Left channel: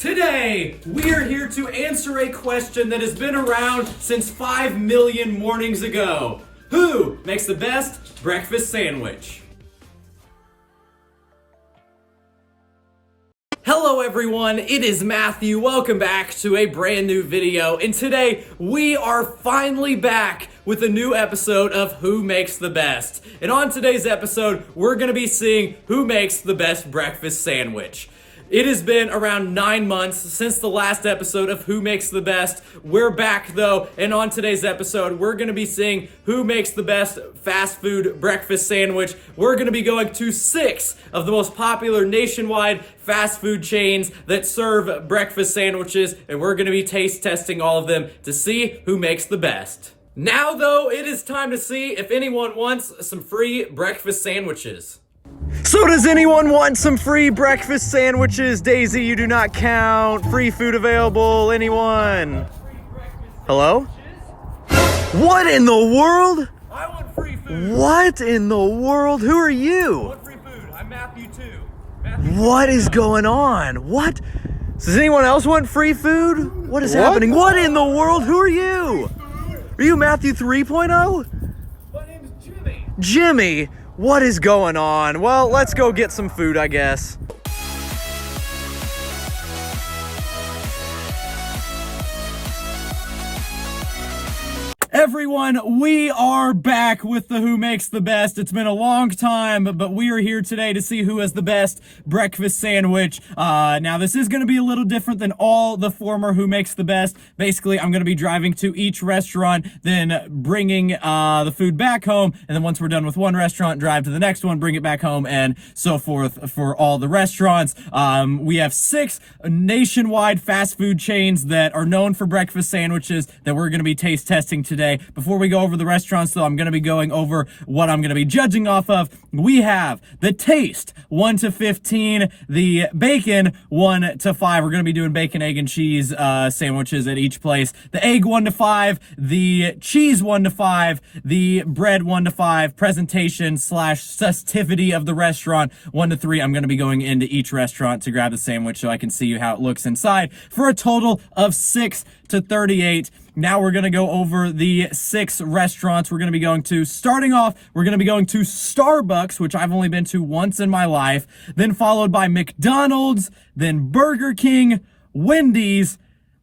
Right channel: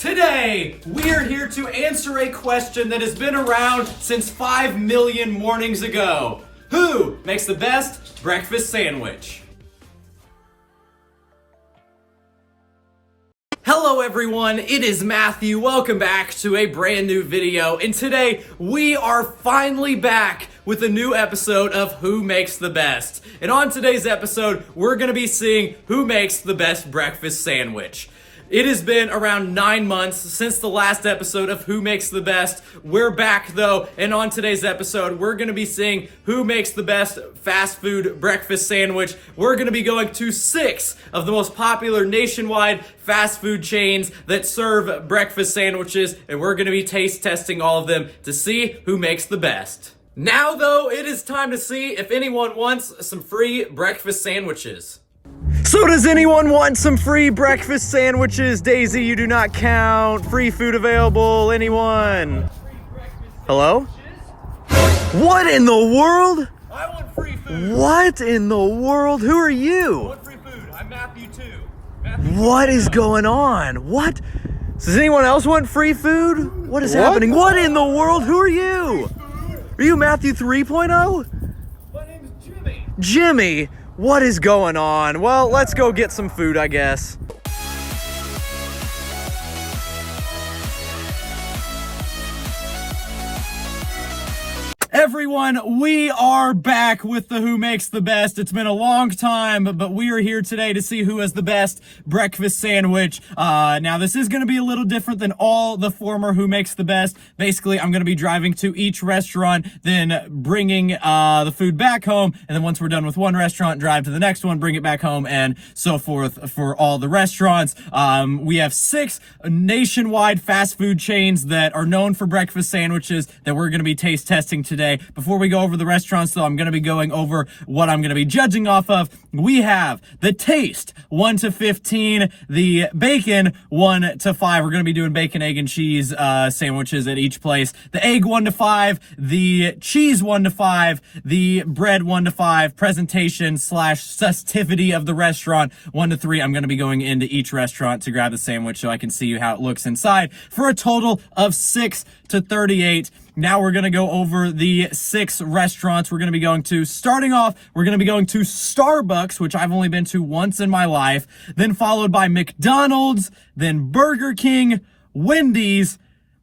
Today, we are here to answer a question that has been around since 5 million mornings ago. Who makes the best breakfast sandwich? Hello everyone, it is Matthew. Welcome back to a brand new video. And today, we are finally back with a new episode of Who Makes the Best. And on today's episode, we're gonna be seeing who makes the best breakfast sandwich. It has been around 9 months since the last episode of Who Makes the Best. We're back though, and on today's episode, we're gonna be seeing who makes the best fast food breakfast sandwich. We're gonna be going to 6 of the most popular nationwide fast food chains that serve breakfast sandwiches, and we're gonna be taste testing all of them to see who makes the best. Now though, it is time to see if anyone wants some free breakfast sandwiches. So does anyone want some free breakfast sandwiches? Daisy, you do not count. Free food available. Anyone? Hello? What in the world? I want free food. What in the world? Who are I you? want free food. I'm Matthew too. What is going on? What? Does anyone else want free food? What is happening? What in the world? Who are you? Are you Matthew 3.0? My name is Jimmy. Jimmy, what is going on? Well, let's go get some food, I guess. Everyone, we are back with the Who Makes the Best. It's been a long time, but we are here today to see who has the best breakfast sandwich. Now, this is going to be a little different than all the former Who Makes the Best. Basically, I'm going to be driving to each restaurant, then bringing the food back home, and then once we're done with one restaurant, drive to the next one, bring it back home, and so forth for all the restaurants. We have 6 nationwide fast food chains that are known for breakfast sandwiches that we're going to be taste testing today. Before we go over the restaurants, though, I'm going to be going over what I'm going to be judging off of. We have the taste, 1 to 15, the bacon, 1 to 5. We're going to be doing bacon, egg, and cheese sandwiches at each place. The egg, 1 to 5, the cheese, 1 to 5, the bread, 1 to 5, presentation / festivity of the restaurant, 1 to 3. I'm going to be going into each restaurant to grab the sandwich so I can see how it looks inside for a total of 6 to 38. Now we're going to go over the 6 restaurants we're going to be going to. Starting off, we're going to be going to Starbucks, which I've only been to once in my life, then followed by McDonald's, then Burger King, Wendy's,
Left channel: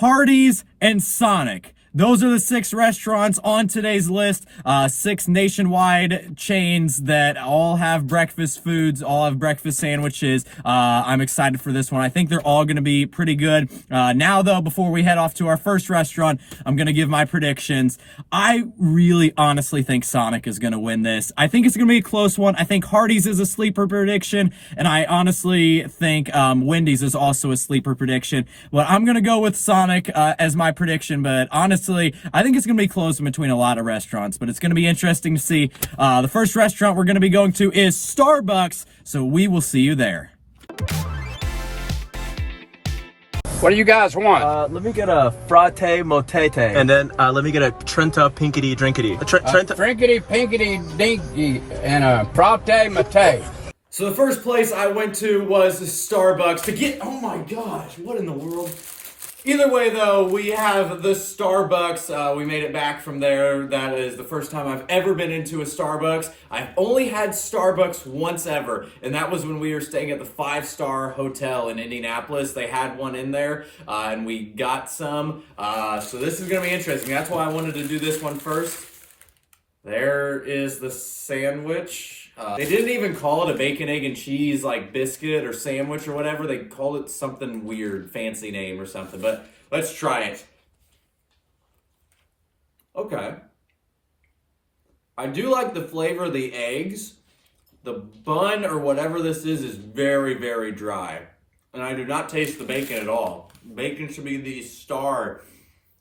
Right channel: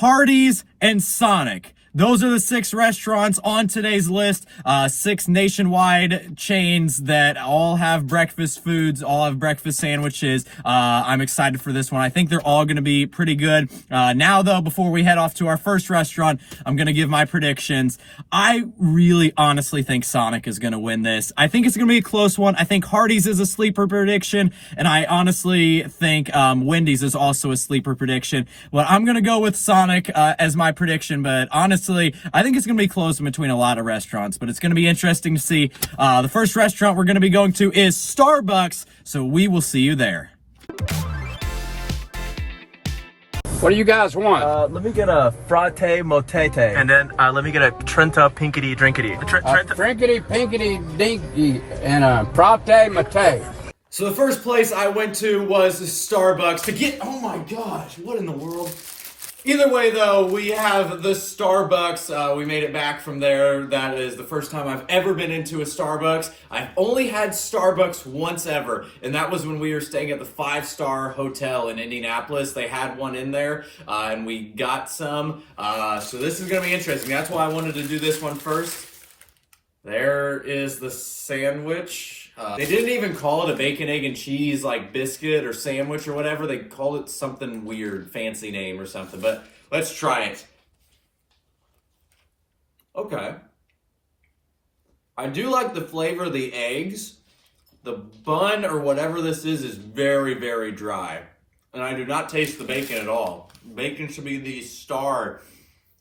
Hardees, and Sonic. Those are the 6 restaurants on today's list, 6 nationwide chains that all have breakfast foods, all have breakfast sandwiches. I'm excited for this one. I think they're all going to be pretty good. Now, though, before we head off to our first restaurant, I'm going to give my predictions. I really honestly think Sonic is going to win this. I think it's going to be a close one. I think Hardees is a sleeper prediction, and I honestly think Wendys is also a sleeper prediction. But I'm going to go with Sonic as my prediction, but honestly, I think it's going to be close in between a lot of restaurants, but it's going to be interesting to see. The first restaurant we're going to be going to is Starbucks, so we will see you there. What do you guys want? Let me get a fratte motete. And then let me get a Trenta pinkety drinkety. Frinkety, pinkety, dinky, and a fratte mate. So the first place I went to was Starbucks to get, oh my gosh, what in the world? Either way, though, we have the Starbucks. We made it back from there. That is the first time I've ever been into a Starbucks. I've only had Starbucks once ever, and that was when we were staying at the 5-star hotel in Indianapolis. They had one in there, and we got some. So this is going to be interesting. That's why I wanted to do this one first. There is the sandwich. They didn't even call it a bacon, egg, and cheese like biscuit or sandwich or whatever. They called it something weird, fancy name or something. But let's try it. Okay. I do like the flavor of the eggs. The bun or whatever this is very, very dry. And I do not taste the bacon at all. Bacon should be the star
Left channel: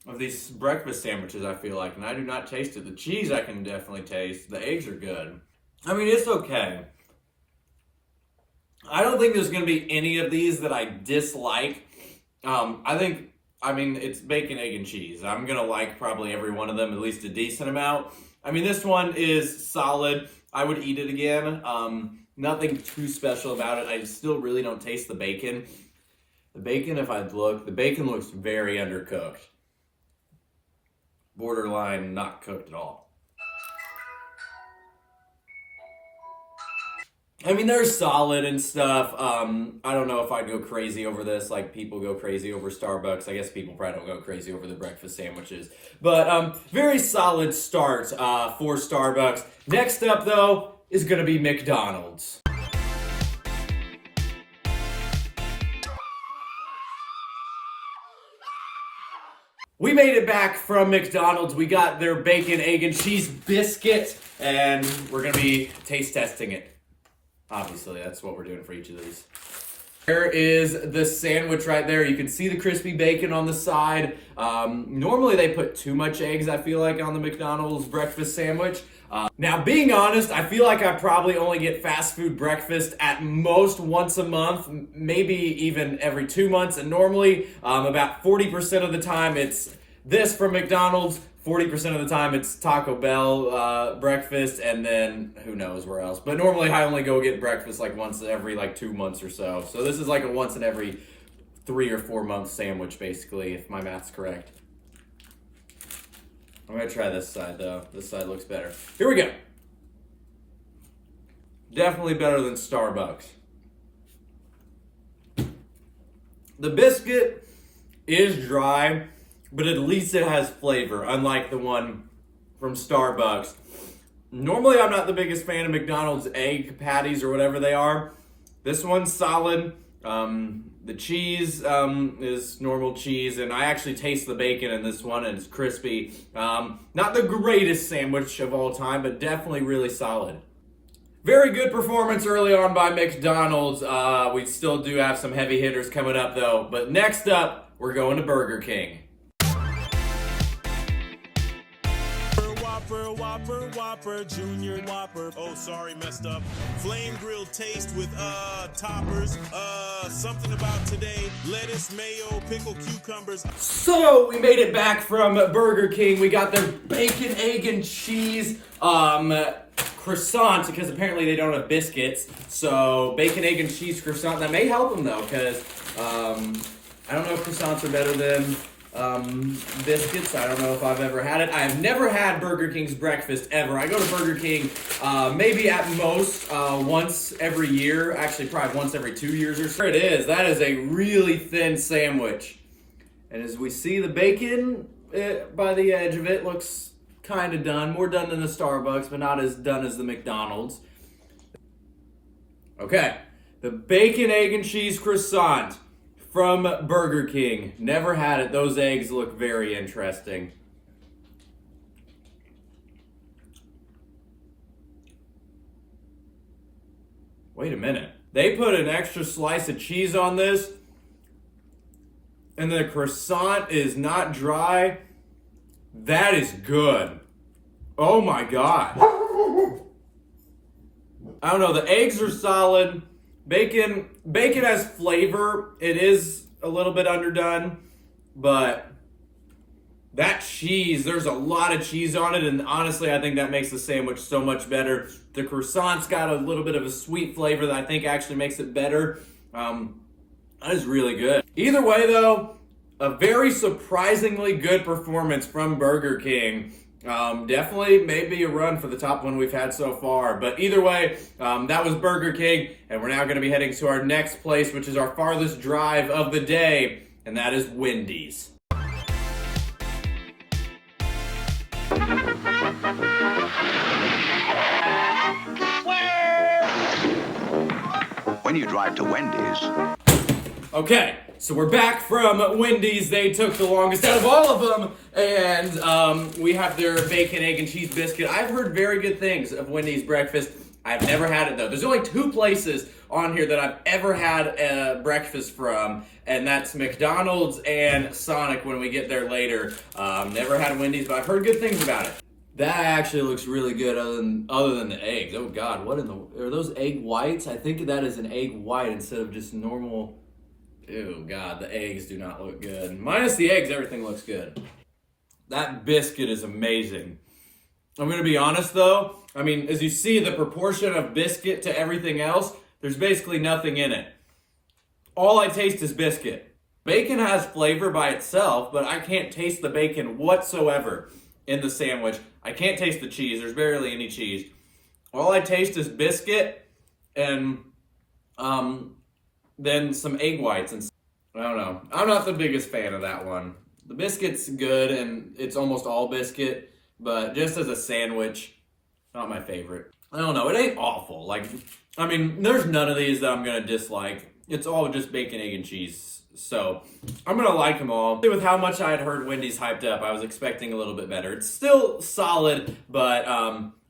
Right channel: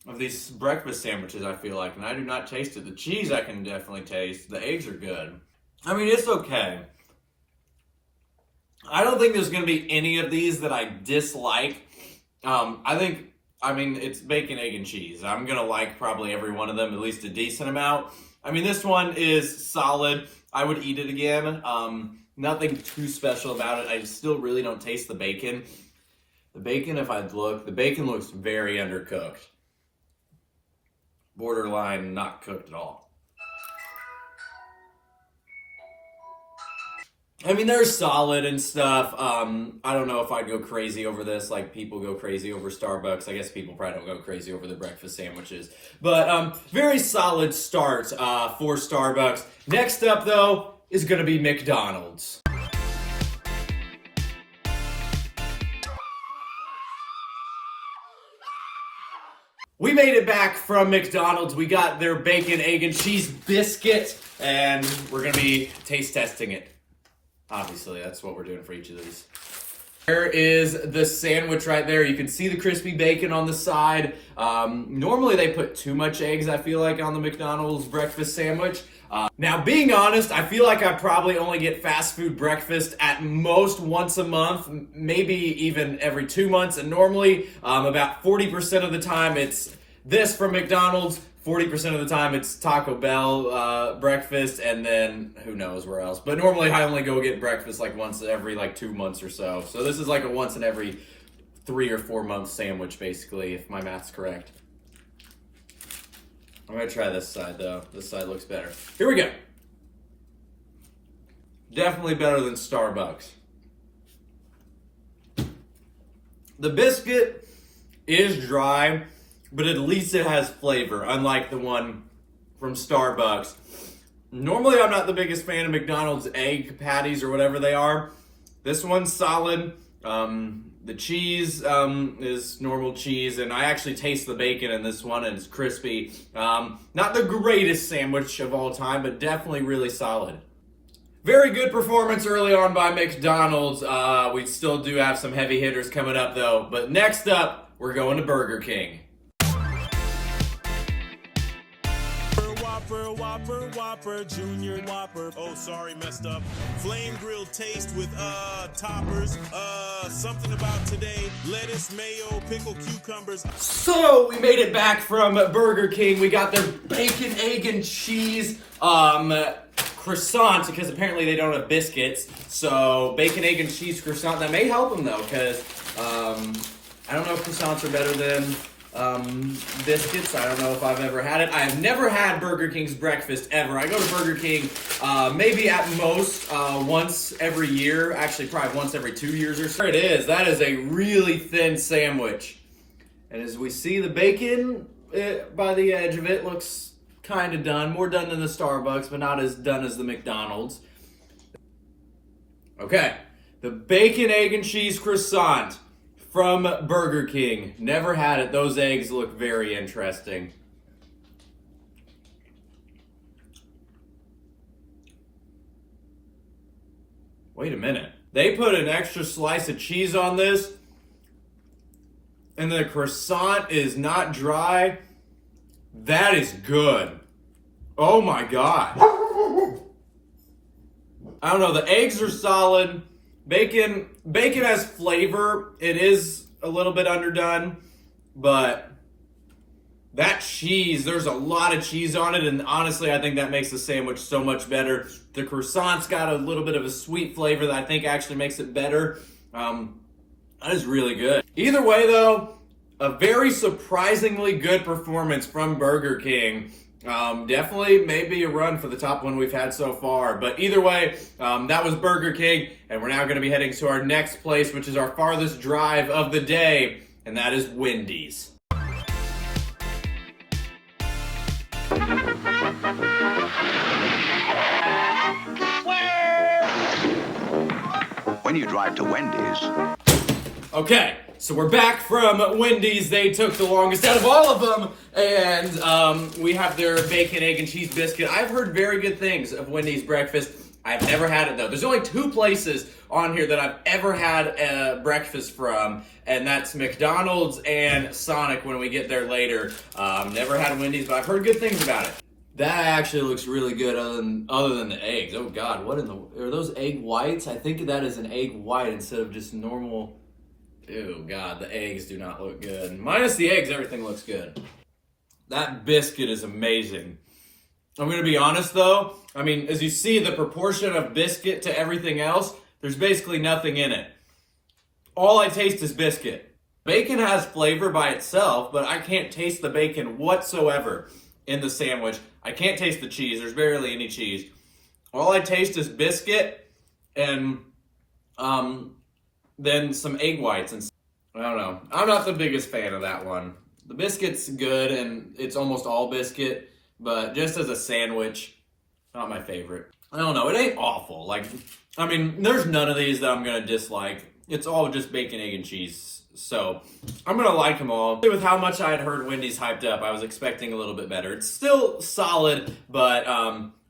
of these breakfast sandwiches, I feel like. And I do not taste it. The cheese I can definitely taste. The eggs are good. I mean, it's okay. I don't think there's going to be any of these that I dislike. I mean, it's bacon, egg, and cheese. I'm going to like probably every one of them, at least a decent amount. I mean, this one is solid. I would eat it again. Nothing too special about it. I still really don't taste the bacon. The bacon, if I look, the bacon looks very undercooked. Borderline not cooked at all. I mean, they're solid and stuff. I don't know if I'd go crazy over this like people go crazy over Starbucks. I guess people probably don't go crazy over the breakfast sandwiches. But very solid start for Starbucks. Next up, though, is going to be McDonald's. We made it back from McDonald's. We got their bacon, egg, and cheese biscuit, and we're going to be taste testing it. Obviously, that's what we're doing for each of these. There is the sandwich right there. You can see the crispy bacon on the side. Normally, they put too much eggs, I feel like, on the McDonald's breakfast sandwich. Now, being honest, I feel like I probably only get fast food breakfast at most once a month, maybe even every 2 months. And normally, about 40% of the time, it's this from McDonald's. 40% of the time it's Taco Bell breakfast, and then who knows where else. But normally I only go get breakfast like once every 2 months or so. So this is like a once in every 3 or 4 month sandwich, basically, if my math's correct. I'm gonna try this side though. This side looks better. Here we go. Definitely better than Starbucks. The biscuit is dry, but at least it has flavor, unlike the one from Starbucks. Normally, I'm not the biggest fan of McDonald's egg patties or whatever they are. This one's solid. The cheese is normal cheese, and I actually taste the bacon in this one, and it's crispy. Not the greatest sandwich of all time, but definitely really solid. Very good performance early on by McDonald's. We still do have some heavy hitters coming up, though. But next up, we're going to Burger King. Whopper, Junior Whopper. Oh, sorry, messed up. Flame grilled taste with toppers. Something about today. Lettuce, mayo, pickle, cucumbers. So we made it back from Burger King. We got their bacon, egg, and cheese croissant, because apparently they don't have biscuits. So bacon, egg, and cheese croissant. That may help them though, because I don't know if croissants are better than biscuits. I don't know if I've ever had it. I have never had Burger King's breakfast ever. I go to Burger King maybe at most once every year. Actually, probably once every 2 years or so. There it is. That is a really thin sandwich. And as we see, the bacon by the edge of it looks kind of done. More done than the Starbucks, but not as done as the McDonald's. Okay. The bacon, egg, and cheese croissant from Burger King. Never had it. Those eggs look very interesting. Wait a minute. They put an extra slice of cheese on this, and the croissant is not dry. That is good. Oh my gosh. I don't know. The eggs are solid. Bacon has flavor. It is a little bit underdone, but that cheese, there's a lot of cheese on it, and honestly, I think that makes the sandwich so much better. The croissant's got a little bit of a sweet flavor that I think actually makes it better. That is really good. Either way, though, a very surprisingly good performance from Burger King. Definitely maybe a run for the top one we've had so far. But either way, that was Burger King, and we're now going to be heading to our next place, which is our farthest drive of the day, and that is Wendys. When you drive to Wendys. Okay, so we're back from Wendys. They took the longest out of all of them, and we have their bacon, egg, and cheese biscuit. I've heard very good things of Wendys breakfast. I've never had it though. There's only 2 places on here that I've ever had breakfast from, and that's McDonald's and Sonic when we get there later. Never had Wendys, but I've heard good things about it. That actually looks really good other than the eggs. Oh God, what in the, are those egg whites? I think that is an egg white instead of just normal. Ew, God, the eggs do not look good. Minus the eggs, everything looks good. That biscuit is amazing. I'm gonna be honest though, I mean, as you see the proportion of biscuit to everything else, there's basically nothing in it. All I taste is biscuit. Bacon has flavor by itself, but I can't taste the bacon whatsoever in the sandwich. I can't taste the cheese. There's barely any cheese. All I taste is biscuit and then some egg whites. And I don't know. I'm not the biggest fan of that one. The biscuit's good, and it's almost all biscuit, but just as a sandwich, not my favorite. I don't know. It ain't awful. Like, I mean, there's none of these that I'm going to dislike. It's all just bacon, egg, and cheese. So I'm going to like them all. With how much I had heard Wendys hyped up, I was expecting a little bit better. It's still solid, but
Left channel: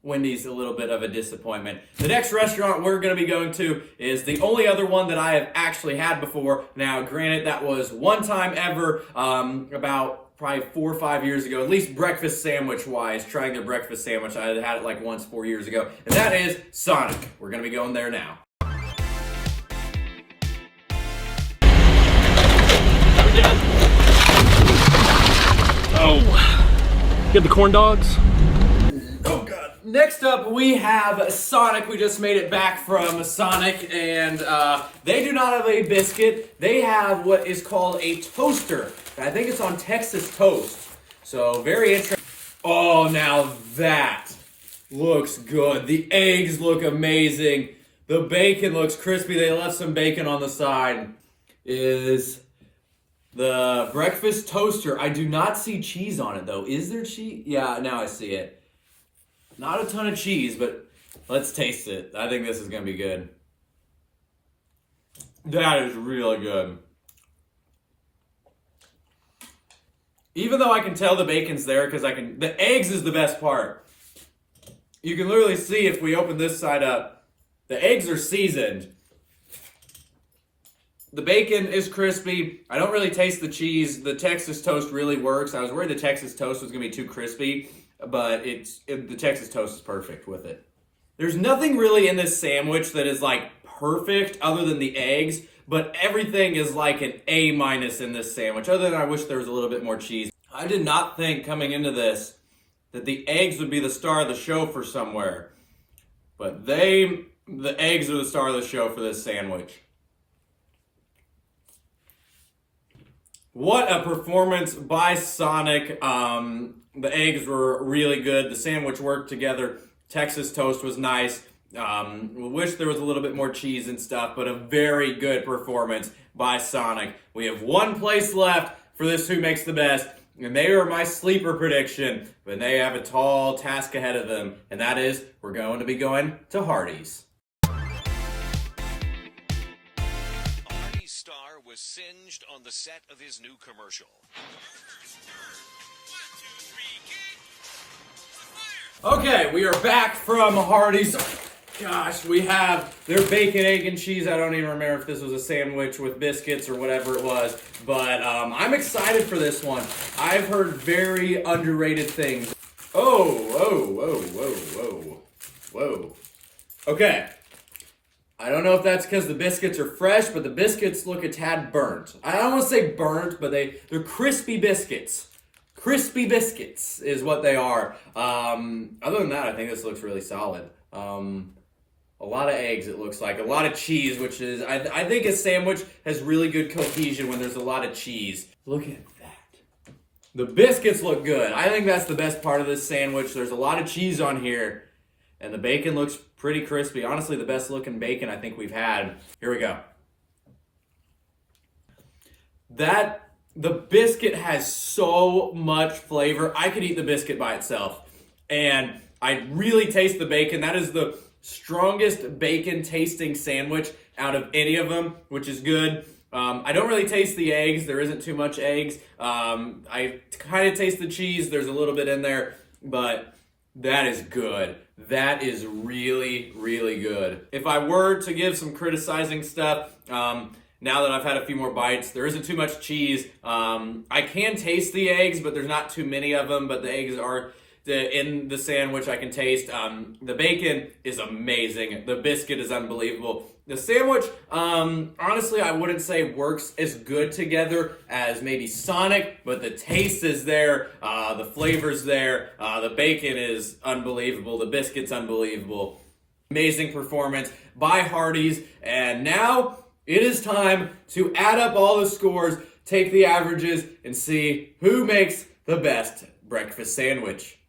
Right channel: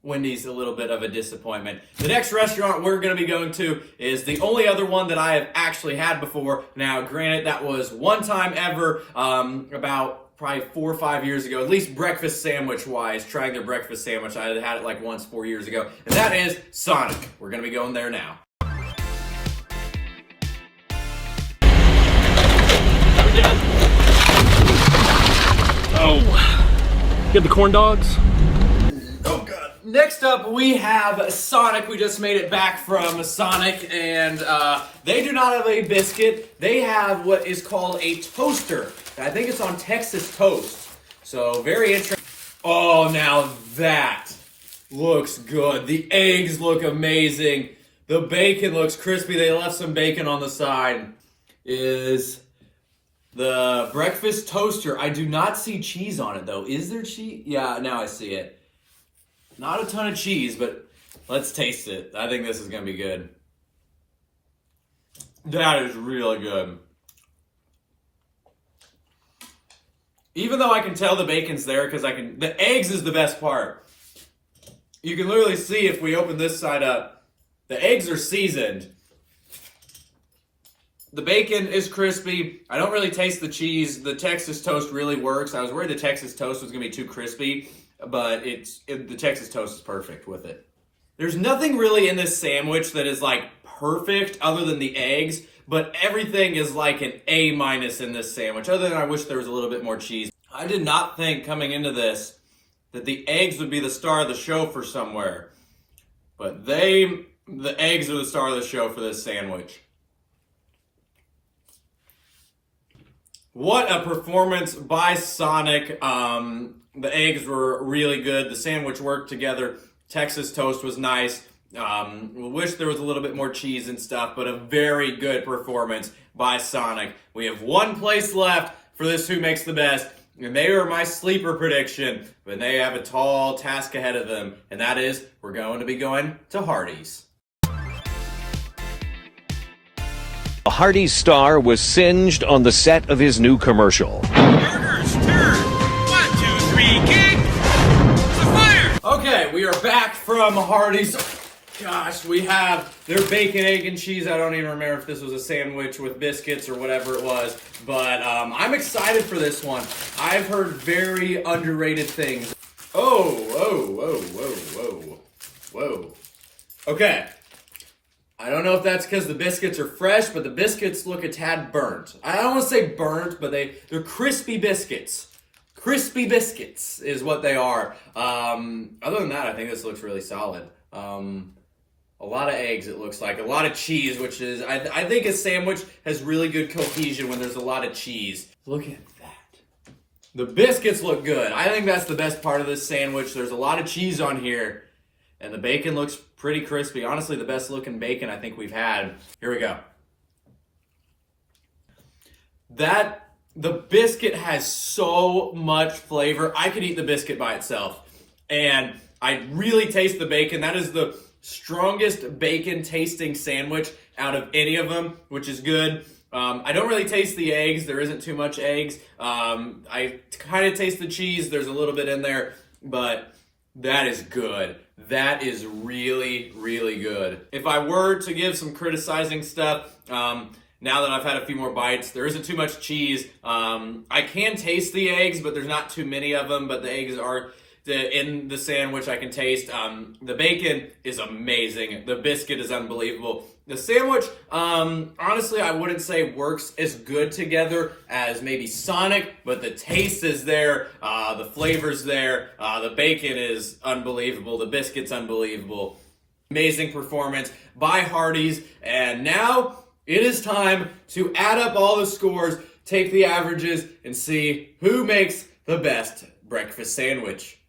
Wendys a little bit of a disappointment. The next restaurant we're going to be going to is the only other one that I have actually had before. Now, granted, that was one time ever, about probably 4 or 5 years ago, at least breakfast sandwich wise, trying their breakfast sandwich. I had it like once 4 years ago, and that is Sonic. We're going to be going there now. Oh, get the corn dogs. Oh god. Next up we have Sonic. We just made it back from Sonic, and they do not have a biscuit. They have what is called a toaster. I think it's on Texas toast. So very interesting. Oh, now that looks good. The eggs look amazing. The bacon looks crispy. They left some bacon on the side. Is the breakfast toaster. I do not see cheese on it though. Is there cheese? Yeah, now I see it. Not a ton of cheese, but let's taste it. I think this is gonna be good. That is really good. Even though I can tell the bacon's there because the eggs is the best part. You can literally see if we open this side up, the eggs are seasoned. The bacon is crispy. I don't really taste the cheese. The Texas toast really works. I was worried the Texas toast was going to be too crispy, but the Texas toast is perfect with it. There's nothing really in this sandwich that is like perfect other than the eggs, but everything is like an A- in this sandwich, other than I wish there was a little bit more cheese. I did not think coming into this that the eggs would be the star of the show for somewhere, but the eggs are the star of the show for this sandwich. What a performance by Sonic. The eggs were really good. The sandwich worked together. Texas toast was nice. Wish there was a little bit more cheese and stuff, but a very good performance by Sonic. We have one place left for this Who Makes the Best, and they are my sleeper prediction, but they have a tall task ahead of them, and that is we're going to be going to Hardees. A Hardees star was singed on the set of his new commercial. Burgers, turn. 1, 2, 3, kick. It's a fire. Okay, we are back from Hardees. Gosh, we have their bacon, egg, and cheese. I don't even remember if this was a sandwich with biscuits or whatever it was, but I'm excited for this one. I've heard very underrated things. Whoa. Okay. I don't know if that's because the biscuits are fresh, but the biscuits look a tad burnt. I don't want to say burnt, but they're crispy biscuits. Crispy biscuits is what they are. Other than that, I think this looks really solid. A lot of eggs, it looks like. A lot of cheese, which is, I think a sandwich has really good cohesion when there's a lot of cheese. Look at that. The biscuits look good. I think that's the best part of this sandwich. There's a lot of cheese on here. And the bacon looks pretty crispy. Honestly, the best looking bacon I think we've had. Here we go. The biscuit has so much flavor. I could eat the biscuit by itself. And I really taste the bacon. That is the strongest bacon tasting sandwich out of any of them, which is good. I don't really taste the eggs. There isn't too much eggs. I kind of taste the cheese. There's a little bit in there, but that is good. That is really, really good. If I were to give some criticizing stuff, now that I've had a few more bites, there isn't too much cheese. I can taste the eggs, but there's not too many of them, but the eggs are in the sandwich I can taste. The bacon is amazing. The biscuit is unbelievable. The sandwich, honestly, I wouldn't say works as good together as maybe Sonic, but the taste is there, the flavor's there, the bacon is unbelievable, the biscuit's unbelievable. Amazing performance by Hardees, and now it is time to add up all the scores take the averages, and see who makes the best breakfast sandwich.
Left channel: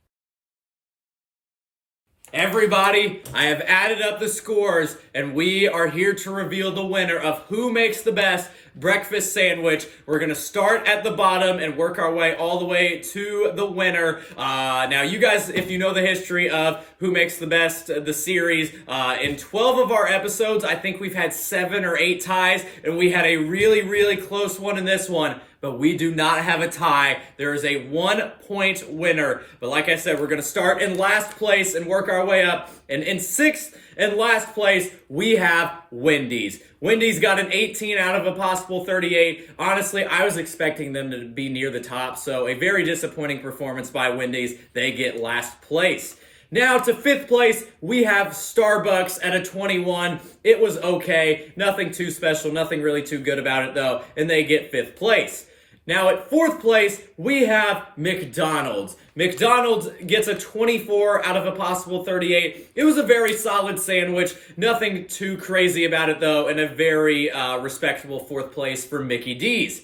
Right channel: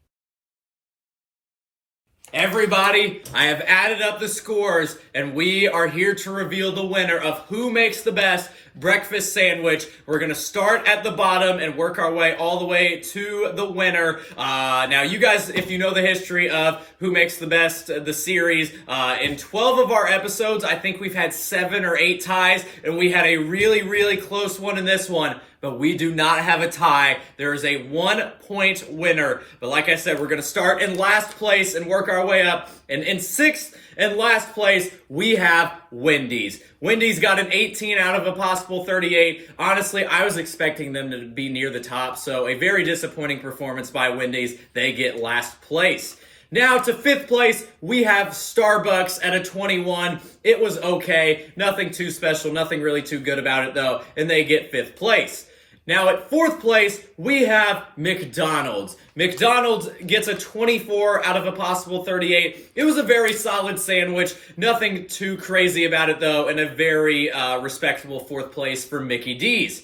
Everybody, I have added up the scores, and we are here to reveal the winner of who makes the best breakfast sandwich. We're going to start at the bottom and work our way all the way to the winner. Now, you guys, if you know the history of who makes the best, the series, in 12 of our episodes, I think we've had 7 or 8 ties, and we had a really, really close one in this one. But we do not have a tie. There is a 1-point winner. But like I said, we're going to start in last place and work our way up. And in 6th and last place, we have Wendys. Wendys got an 18 out of a possible 38. Honestly, I was expecting them to be near the top. So a very disappointing performance by Wendys. They get last place. Now to 5th place, we have Starbucks at a 21. It was okay. Nothing too special. Nothing really too good about it, though. And they get 5th place. Now at 4th place, we have McDonald's. McDonald's gets a 24 out of a possible 38. It was a very solid sandwich. Nothing too crazy about it, though. And a very respectable 4th place for Mickey D's.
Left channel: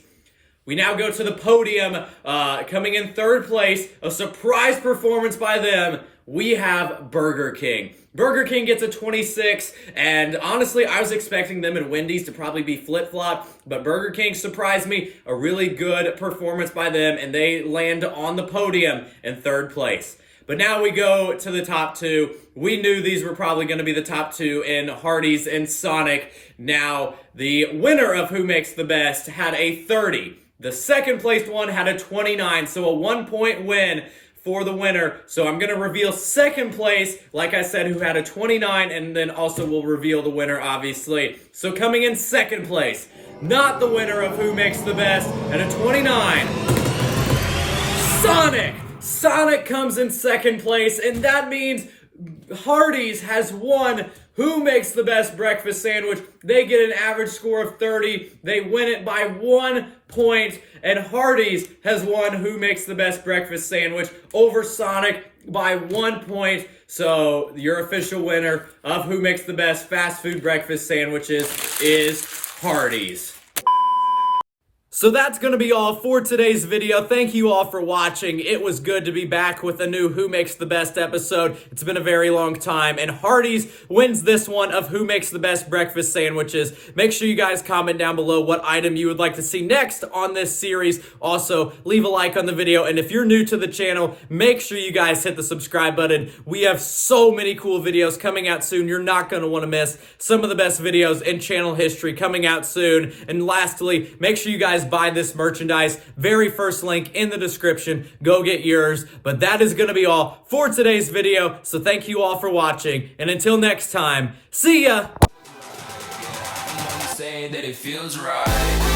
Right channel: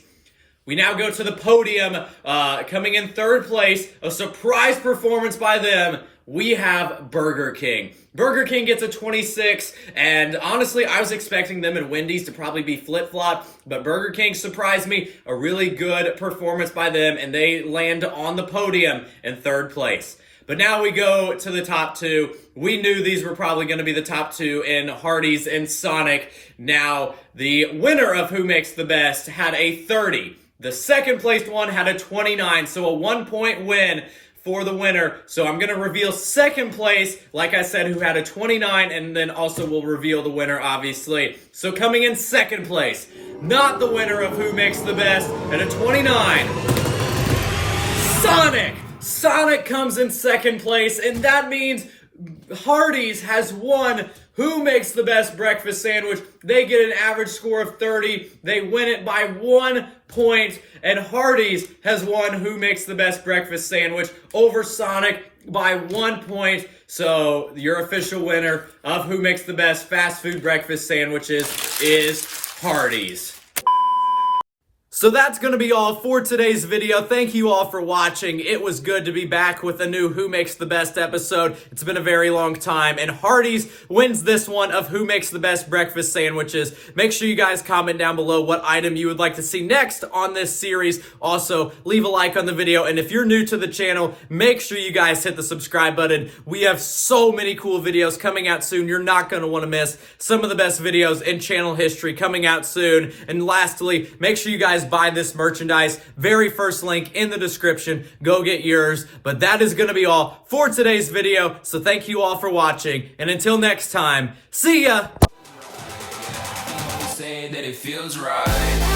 We now go to the podium. Coming in 3rd place, a surprise performance by them. We have Burger King. Burger King gets a 26, and honestly, I was expecting them and Wendys to probably be flip-flop, but Burger King surprised me. A really good performance by them, and they land on the podium in 3rd place. But now we go to the top 2. We knew these were probably going to be the top 2 in Hardees and Sonic. Now, the winner of Who Makes the Best had a 30. The 2nd placed one had a 29, so a 1-point win for the winner. So I'm going to reveal 2nd place, like I said, who had a 29, and then also we'll reveal the winner, obviously. So coming in 2nd place, not the winner of Who Makes the Best, at a 29, Sonic! Sonic comes in 2nd place, and that means Hardees has won Who Makes the Best Breakfast Sandwich. They get an average score of 30. They win it by 1 point. And Hardees has won Who Makes the Best Breakfast Sandwich over Sonic by 1 point. So your official winner of Who Makes the Best Fast Food Breakfast Sandwiches is Hardees. So that's going to be all for today's video. Thank you all for watching. It was good to be back with a new Who Makes the Best episode. It's been a very long time, and Hardees wins this one of Who Makes the Best Breakfast Sandwiches. Make sure you guys comment down below what item you would like to see next on this series. Also, leave a like on the video, and if you're new to the channel, make sure you guys hit the subscribe button. We have so many cool videos coming out soon. You're not going to want to miss some of the best videos in channel history coming out soon. And lastly, make sure you guys buy this merchandise. Very first link in the description. Go get yours. But that is going to be all for today's video. So thank you all for watching. And until next time, see ya! Say that it feels right.